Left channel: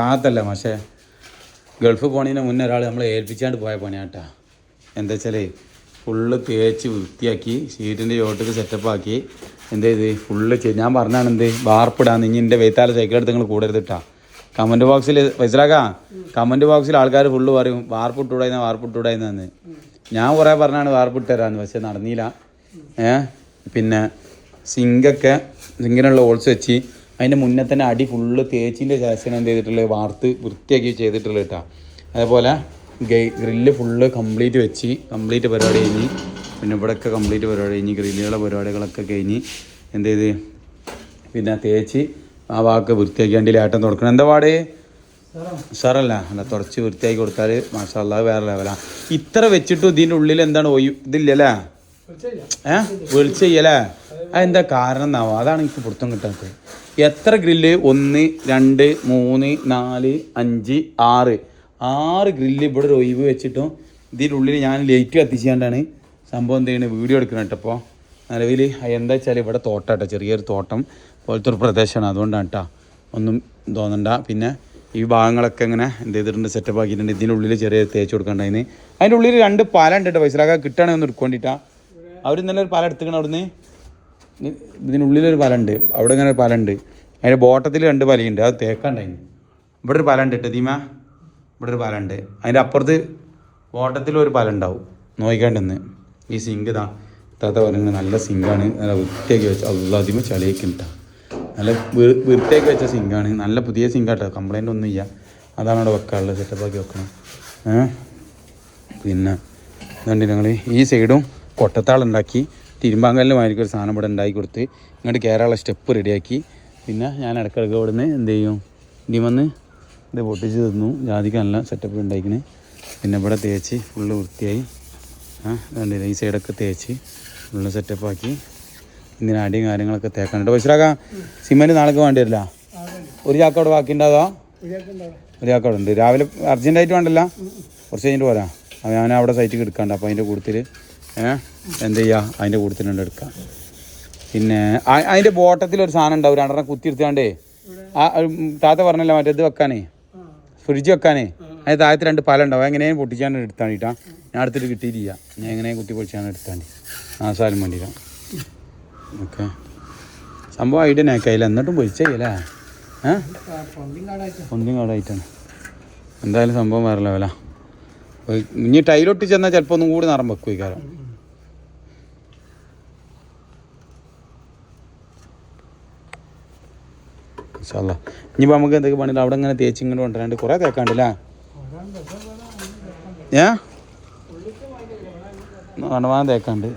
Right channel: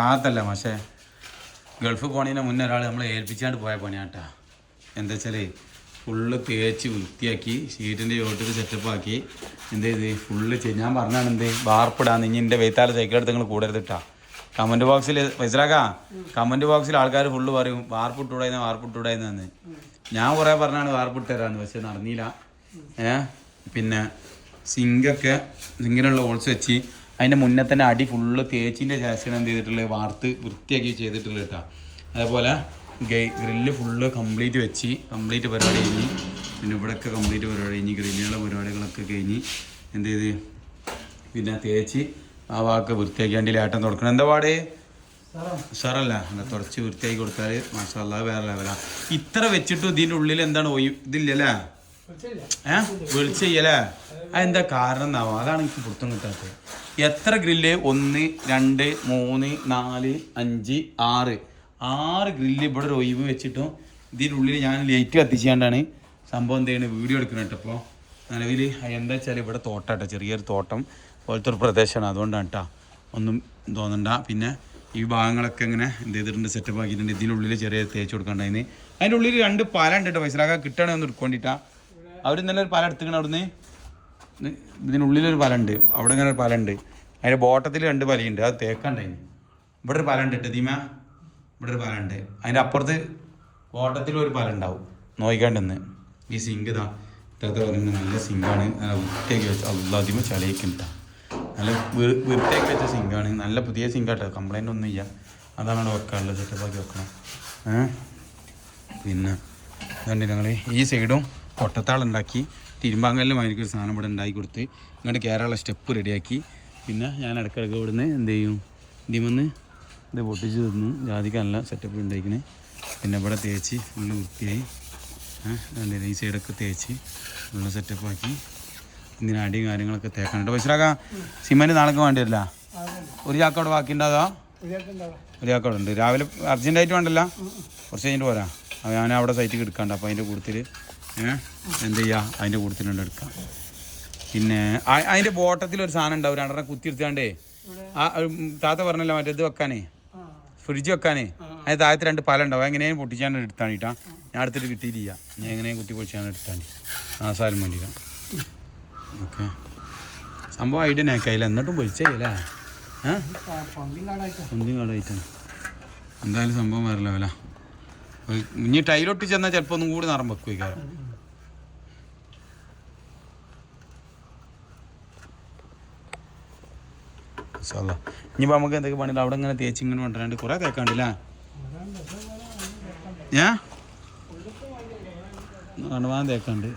അതല്ല പക്ഷേ ഗൾഫ് പോണതിന് മുന്നേ ഒരാൾ നമ്മളെ ഏൽപ്പിച്ചാണ്ട് പോയ പണിയാട്ടാ. എന്താ വെച്ചാൽ ഫുള്ള് തേച്ച് വൃത്തിയാക്കി ഷീറ്റിൻ്റെ ചോട്ടത്തിൽ സെറ്റപ്പാക്കി എന്ത് ചെയ്ത് ഫുള്ള് ഞാൻ പറഞ്ഞാണ് എന്ത് വാർപ്പിടാന്ന്. ഇനി എൻ്റെ വെയ്ത്താല സൈക്കിളെടുത്ത് നിങ്ങൾ കൂടരുതിട്ടാ. കമൻറ്റ് ബോക്സിൽ മനസ്സിലാക്കാം. കമൻറ്റ് ബോക്സിൽ ആൾക്കാർ ഫുള്ള് പറയും വാർപ്പിട്ടൂടായിന്ന്. ഞാൻ കുറേ പറഞ്ഞാണ് വാർപ്പിട്ട് തരാമെന്ന്, പക്ഷെ നടന്നില്ല. പിന്നെ സിങ്കിനുള്ള ഹോൾസ് വെച്ച് അതിൻ്റെ മുന്നേ തന്നെ അടി ഫുള്ള് തേച്ചിൻ്റെ ശേഷം എന്ത് ചെയ്തിട്ടുള്ളത് വാർത്ത് വൃത്തിയാക്കി ചെയ്തിട്ടുള്ളത് കേട്ടോ. അതേപോലെ ഗ്രില്ല് ഫുള്ള് കംപ്ലീറ്റ് പരിപാടി കഴിഞ്ഞ്. പിന്നെ ഇവിടെയൊക്കെ കംപ്ലീറ്റ് പരിപാടി കഴിഞ്ഞ് ഗ്രില്ലുകളുടെ പരിപാടികളൊക്കെ കഴിഞ്ഞ് എന്ത് ചെയ്ത് പിന്നെ തേച്ച് ആ വാക്ക് വൃത്തിയാക്കി ലേട്ടം തുടക്കണം. എന്താ പാട് സാറല്ല അല്ല തുടച്ച് വൃത്തിയാക്കി കൊടുത്താൽ മാഷാല്ലാ വേറെ ലെവലാണ്. ഇത്ര വെച്ചിട്ടും ഇതിൻ്റെ ഉള്ളിൽ എന്താണ് ഇതില്ലല്ലേ വെളിച്ചയ്യല്ലേ? അതെന്താ കാരണം എന്നാവും? അതാണ് എനിക്ക് പുറത്തും കിട്ടാത്തത്. എത്ര ഗ്രില്ല് 1 2 3 4 5 6 ഗ്രില്ല് ഇവിടെ ഒരു ഒഴിവ് വെച്ചിട്ടും ഇതിൻ്റെ ഉള്ളിൽ ഞാൻ ലൈറ്റ് കത്തിച്ചാണ്ടാണ് സംഭവം എന്ത് ചെയ്യുന്നത് വീഡിയോ എടുക്കണം കേട്ടോ. അപ്പോൾ നിലവിൽ എന്താ വെച്ചാൽ ഇവിടെ തോട്ടാട്ടോ, ചെറിയൊരു തോട്ടം പോലത്തെ ഒരു പ്രദേശമാണ്. അതുകൊണ്ടാണ് കേട്ടോ, ഒന്നും തോന്നണ്ട. പിന്നെ ഈ ഭാഗങ്ങളൊക്കെ ഇങ്ങനെ എന്ത് ചെയ്തിട്ടുണ്ട് സെറ്റപ്പ് ആക്കിയിട്ടുണ്ട്. ഇതിനുള്ളിൽ ചെറിയ തേച്ച് കൊടുക്കേണ്ടതിന്. അതിൻ്റെ ഉള്ളിൽ 2 പാല ഉണ്ട് കേട്ടോ. പൈസ കിട്ടുകയാണെങ്കിൽ ഒന്ന് എടുക്കൊണ്ടിട്ടാ. അവർ ഇന്നലെ ഒരു പാല എടുത്തുക്കണം അവിടുന്ന്. ഇതിനുള്ളിലൊരു പാലുണ്ട്, അവിടെ ഇങ്ങനെ ഒരു പാലുണ്ട്. അതിൻ്റെ ബോട്ടത്തിൽ 2 പാലയുണ്ട്, അത് തേക്കാണ്ടായിന്. ഇവിടെ ഒരു പാലുണ്ട് കേട്ടോ ദീമ, ഇവിടെ ഒരു പാലുണ്ട്. അതിൻ്റെ അപ്പുറത്ത് ബോട്ടത്തിലൊരു പാലുണ്ടാവും, നോക്കിക്കാണ്ടെന്ന്. ഈ സിങ്ക് താത്ത പറയുന്നത് നല്ല സിങ്കാണ്, നല്ല വൃത്തിയാക്കി വെച്ച അതിമ ചളിയൊക്കെ ഉണ്ട്. നല്ല വൃത്തിയാക്കി വെച്ച സിങ്കാണ്, നല്ല പുതിയ സിങ്കാട്ടോ, കംപ്ലൈൻ്റ് ഒന്നും ഇല്ല. അതാണ് ഇവിടെ വെക്കാനുള്ളത്, സെറ്റപ്പാക്കി വെക്കണം. പിന്നെ ഇതുണ്ട് ഞങ്ങൾ ഈ സൈഡും കൊട്ടത്താളുണ്ടാക്കി തിരുമ്പാങ്കലിന് മാതിരിക്കും ഒരു സാധനം ഇവിടെ ഉണ്ടാക്കി കൊടുത്ത് ഇങ്ങോട്ട് കയറാനുള്ള സ്റ്റെപ്പ് റെഡിയാക്കി. പിന്നെ ഞാൻ ഇടയ്ക്കിടയ്ക്ക് ഇവിടെ നിന്ന് എന്ത് ചെയ്യും, ഇതിമന്ന് ഇത് പൊട്ടിച്ച് തന്നു. ജാതിക്ക് നല്ല സെറ്റപ്പ് ഉണ്ടാക്കിന്. പിന്നെ ഇവിടെ തേച്ച് ഫുള്ള് വൃത്തിയായി. ഈ സൈഡൊക്കെ തേച്ച് ഫുള്ള് സെറ്റപ്പാക്കി. ഇതിന് അടിയും കാര്യങ്ങളൊക്കെ തേക്കാനുണ്ട്. പൈസറാക്കാം സിമെൻറ്റ് നാളേക്ക് വേണ്ടി വരില്ല. ഒരു ചാക്കോട് ബാക്കി ഉണ്ടാകാ? ഒരു ചാക്കോട് ഉണ്ട്. രാവിലെ അർജൻറ്റായിട്ട് വേണ്ടല്ല, കുറച്ച് കഴിഞ്ഞിട്ട് പോരാ. ഞാൻ അവിടെ സൈറ്റിൽ എടുക്കാണ്ട്. അപ്പോൾ അതിൻ്റെ കൂട്ടത്തിൽ എന്ത് ചെയ്യുക, അതിൻ്റെ കൂട്ടത്തിലുണ്ട് എടുക്കാം. പിന്നെ അതിൻ്റെ ബോട്ടത്തിലൊരു സാധനം ഉണ്ടാവും, 2 കുത്തിയെടുത്താണ്ടേ. താത്ത പറഞ്ഞല്ലോ മറ്റേത് വെക്കാനേ, ഫ്രിഡ്ജ് വെക്കാനേ. അതിന് താഴത്ത് 2 പാല ഉണ്ടാവും. എങ്ങനെയും പൊട്ടിച്ചാണ്ട് എടുത്താണ് കേട്ടാ. ഞാൻ എടുത്തിട്ട് കിട്ടിയിട്ടില്ല, ഞാൻ എങ്ങനെയും കുത്തി പൊളിച്ചാണ് എടുത്താണ് സാധനം വേണ്ടിയില്ല. ഓക്കെ, സംഭവം ഐഡിയ നാക്കായില്ല, എന്നിട്ടും പൊളിച്ചല്ലേ ഒന്നും കാടായിട്ടാണ്. എന്തായാലും സംഭവം വേറെ ലെവലാ. ഇനി ടൈലൊട്ടി ചെന്നാൽ ചിലപ്പോൾ ഒന്നും കൂടി നിറം വെക്കും ഈ കാര്യം. ഇനിയിപ്പോൾ നമുക്ക് എന്തൊക്കെ പണിയില്ല. അവിടെ ഇങ്ങനെ തേച്ച് ഇങ്ങനെ കൊണ്ടുവരാണ്ട് കുറേ തേക്കാണ്ടല്ലേ? കണ്ടമാനം തേക്കാണ്ട്.